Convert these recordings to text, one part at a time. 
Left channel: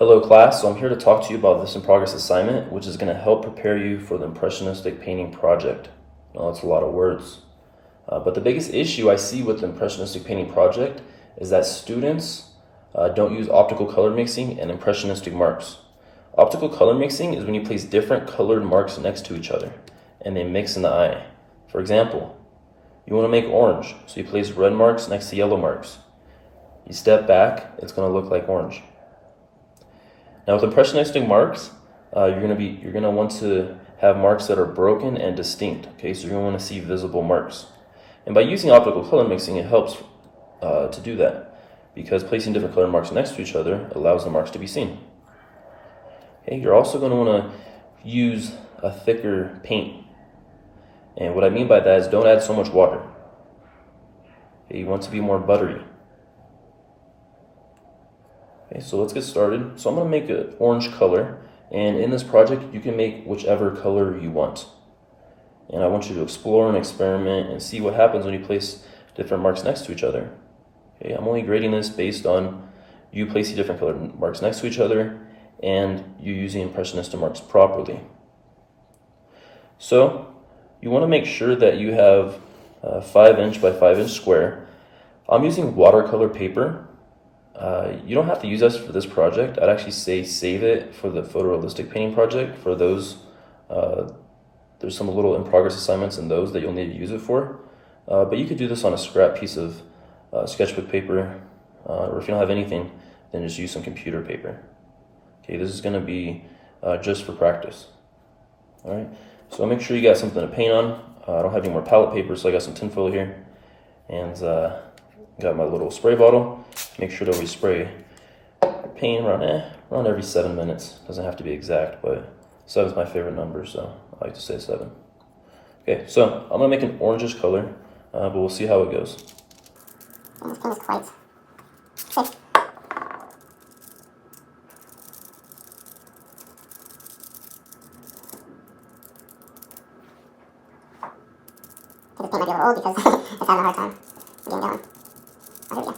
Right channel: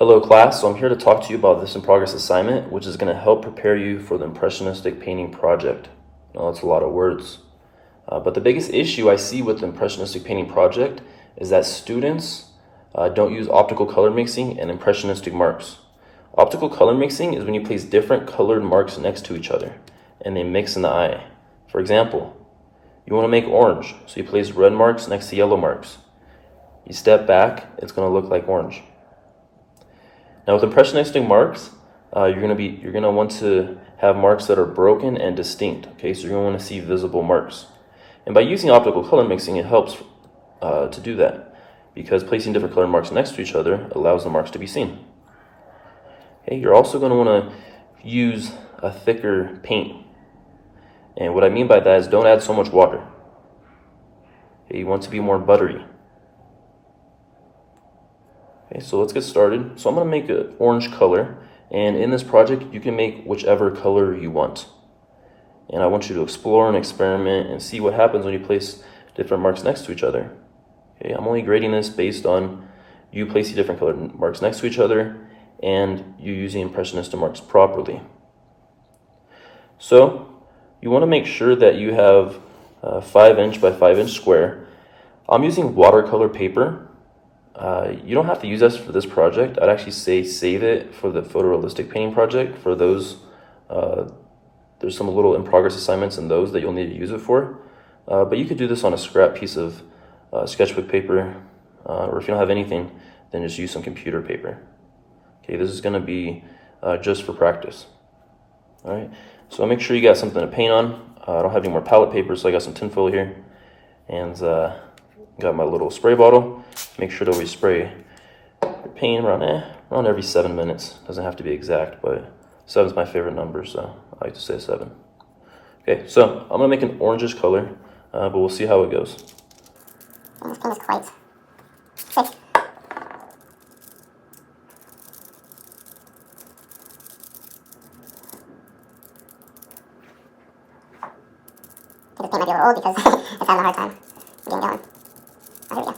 Hello class, so I'm here to talk to you about this in progress assignment, which is going to help prepare you for the Impressionistic painting project. Now, that's a lot of words. But the biggest issue I see with the Impressionistic painting project is that students don't use optical color mixing and Impressionistic marks. Optical color mixing is when you place different colored marks next to each other and they mix in the eye. For example, you want to make orange, so you place red marks next to yellow marks. You step back, it's going to look like orange. Now with Impressionistic marks, you're gonna want to have marks that are broken and distinct. Okay, so you're gonna want to see visible marks. And by using optical color mixing, it helps to do that because placing different colored marks next to each other allows the marks to be seen. Okay, you're also going to want to use a thicker paint. And what I mean by that is don't add so much water. Okay, you want to be more buttery. Okay, so let's get started. So I'm going to make an orange color, and in this project you can make whichever color you want. And I want you to explore and experiment and see what happens when you place different marks next to each other. Okay, I'm only grading this based on you placing different colored marks next to each other and you using Impressionistic marks properly. So you want to make sure that you have a 5" by 5" square. I'm using watercolor paper. You don't have to use this for this project. I'd actually say save it for the photorealistic painting project. For those, there's some little in progress assignments in those that you'll need to use it for. But you could do this on a scrap piece of sketchbook paper, or if you don't have anything, then just use some computer paper. Okay, this is going to be just for practice. All right, so make sure you got something to paint on. I don't have any more palette paper, so I got some tinfoil here, and got my little spray bottle. Make sure to always spray your paint around every 7 minutes. Doesn't have to be exact, but 7 is my favorite number, so I like to say 7. Okay, so I'm gonna make an orangish color, but we'll see how it goes. This paint is quite thick. I think this paint might be a little old because it's having a hard time getting going. Oh, here we go.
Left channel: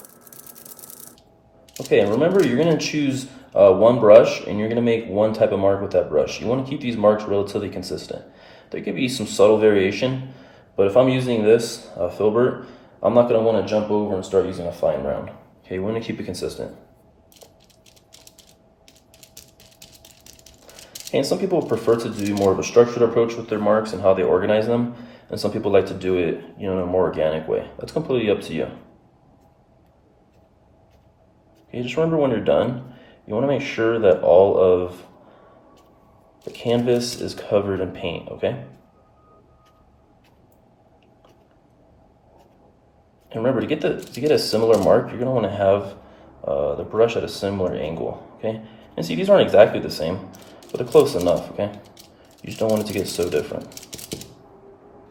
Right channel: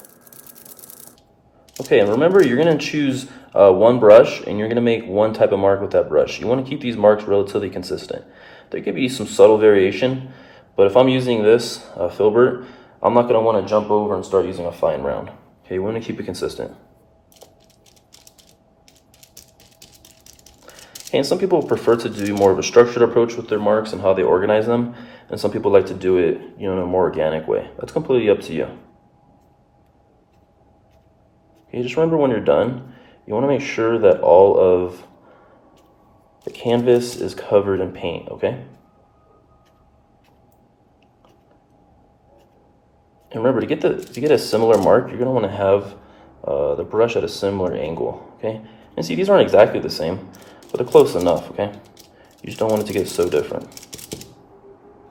Okay, and remember, you're going to choose one brush, and you're going to make one type of mark with that brush. You want to keep these marks relatively consistent. There could be some subtle variation, but if I'm using this filbert, I'm not going to want to jump over and start using a fine round. Okay, we want to keep it consistent. And some people prefer to do more of a structured approach with their marks and how they organize them, and some people like to do it, in a more organic way. That's completely up to you. Okay, just remember when you're done, you want to make sure that all of the canvas is covered in paint, okay? And remember, to get a similar mark, you're going to want to have the brush at a similar angle, okay? And see, these aren't exactly the same, but they're close enough, okay? You just don't want it to get so different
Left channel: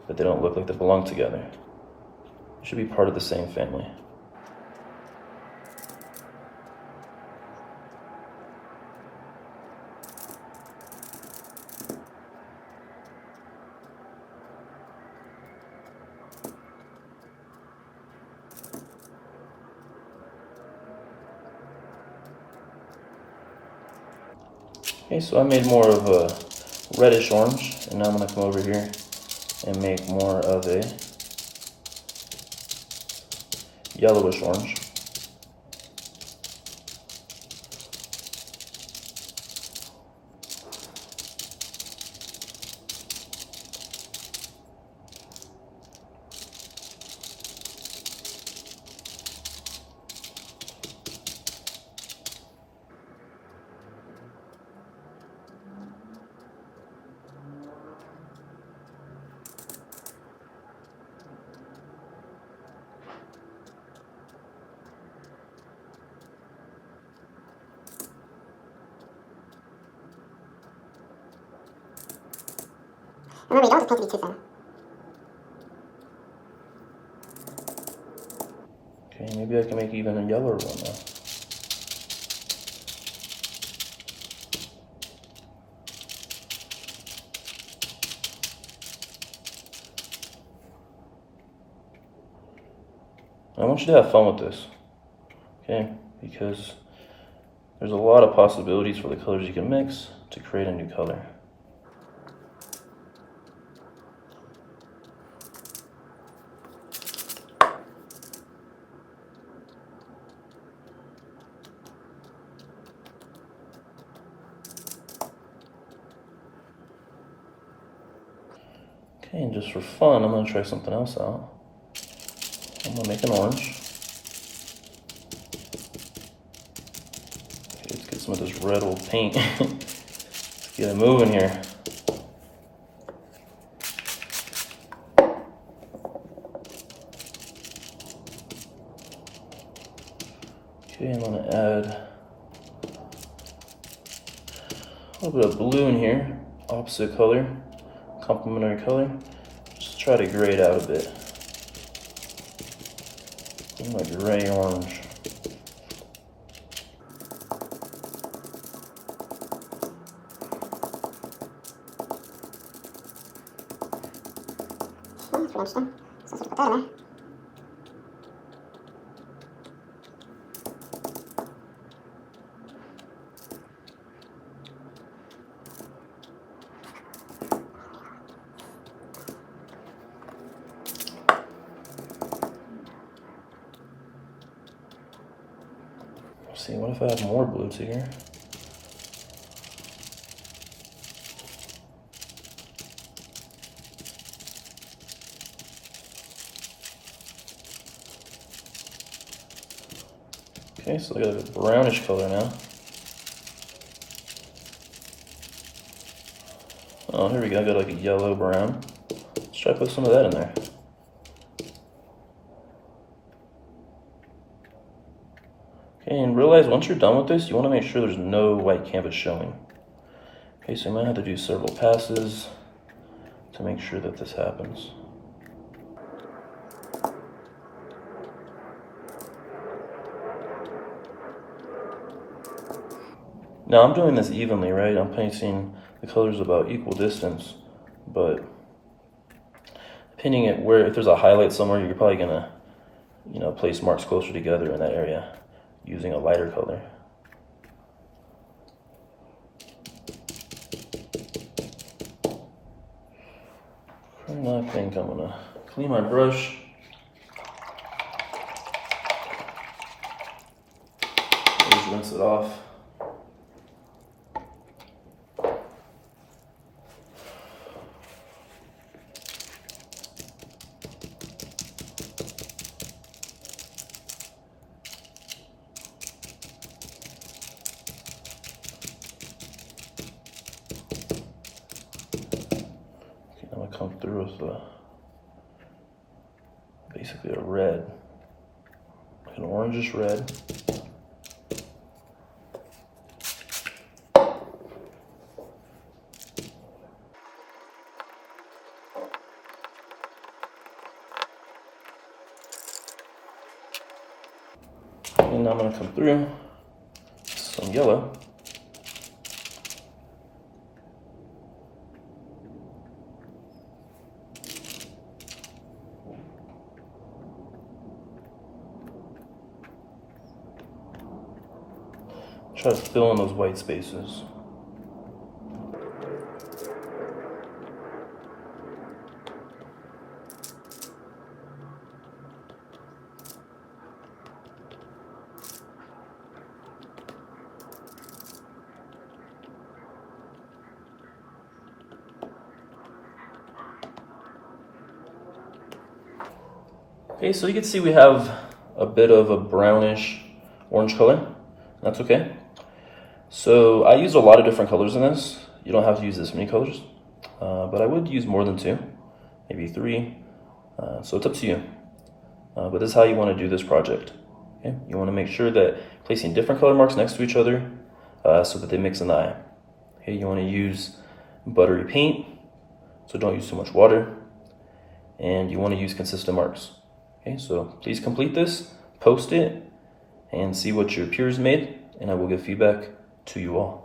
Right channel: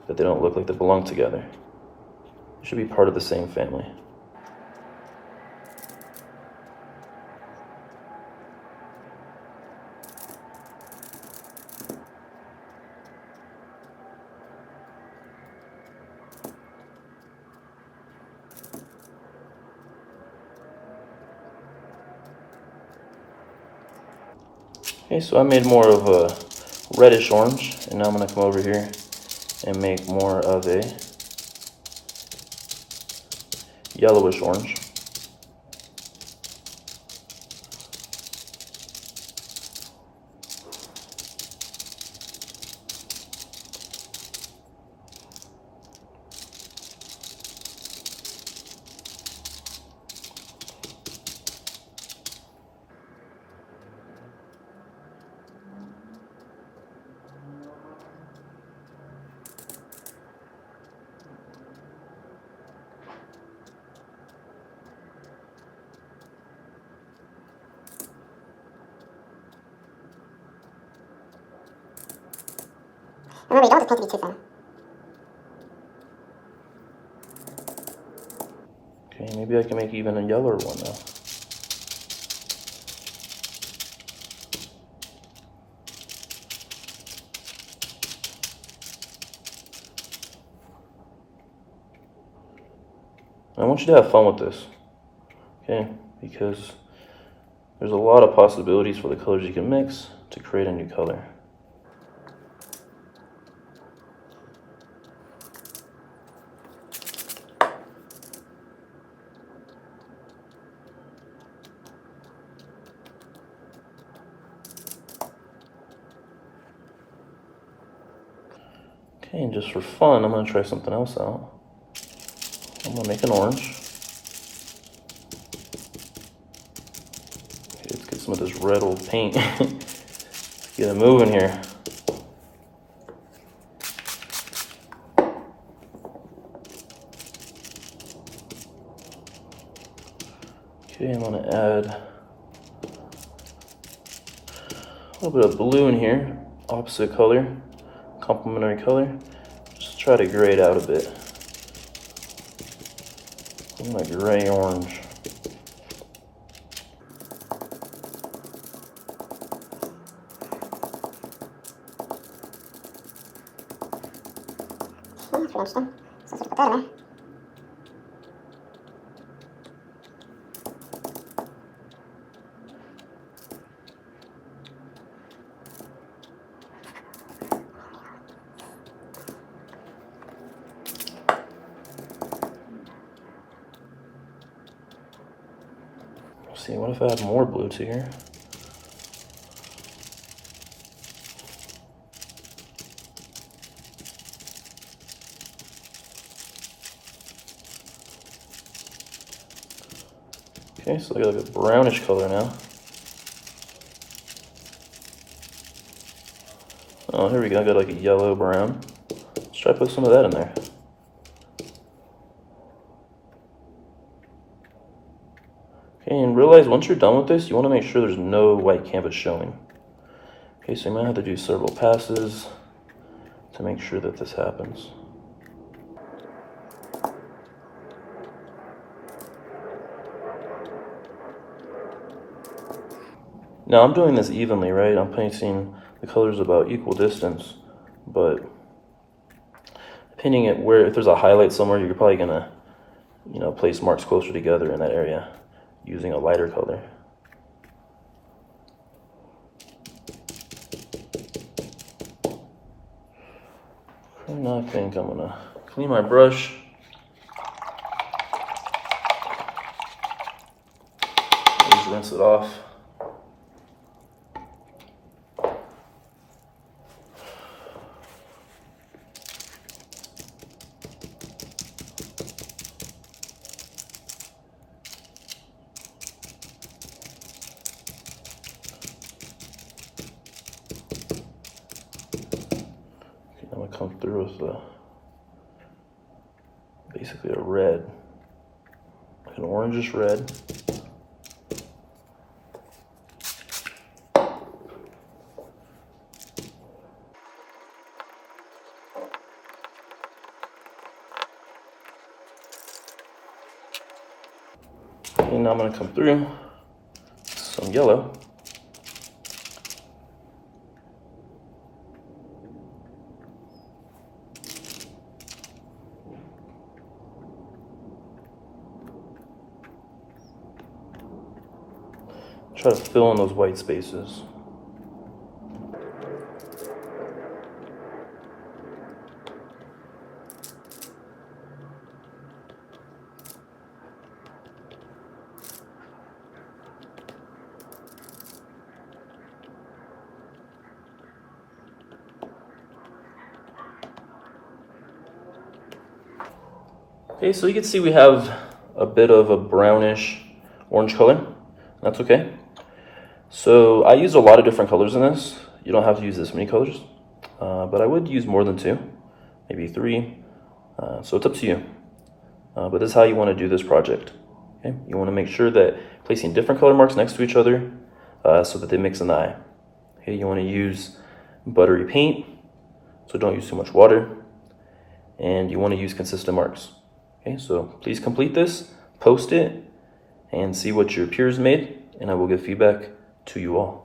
that they don't look like they belong together. They should be part of the same family. Okay, so I made more of a reddish orange, and now I'm going to come over here and make more of a yellowish orange. Remember, you don't want this paint to be too thin. Okay, maybe I can make even a yellower one now. I want you to have fun with this, okay? Because There's a lot of possibilities for the colors you can mix to create a new color. Okay, and just for fun, I'm gonna try something else out. I'm gonna make an orange. Okay, let's get some of this red old paint. Get it moving here. Okay, I'm gonna add a little bit of blue in here, opposite color, complementary color. Just try to gray it out a bit. Like gray orange. Pretty much done. So let's put that in there. See, what if I add more blue to here? Okay, so I got a brownish color now. Oh, here we go, I got like a yellow brown. Let's try to put some of that in there. Okay, and realize once you're done with this, you want to make sure there's no white canvas showing. Okay, so you might have to do several passes to make sure that this happens. Now I'm doing this evenly, right? I'm placing the colors about equal distance, but pinning it where, if there's a highlight somewhere, you're probably gonna, place marks closer together in that area using a lighter color. Now I think I'm gonna clean my brush. Just rinse it off. I'm gonna come through with basically a red, an orangish red. And now I'm gonna come through some yellow. Try to fill in those white spaces. Okay, so you can see we have a bit of a brownish orange color. That's okay. So I use a lot of different colors in this. You don't have to use this many colors, but I would use more than 2, maybe 3. So it's up to you. But this is how you want to do this project. Okay? You want to make sure that placing different color marks next to each other so that they mix in the eye. Okay? You want to use buttery paint, so don't use too much water. And you want to use consistent marks. Okay, so please complete this, post it, and see what your peers made, and I will give feedback to you all.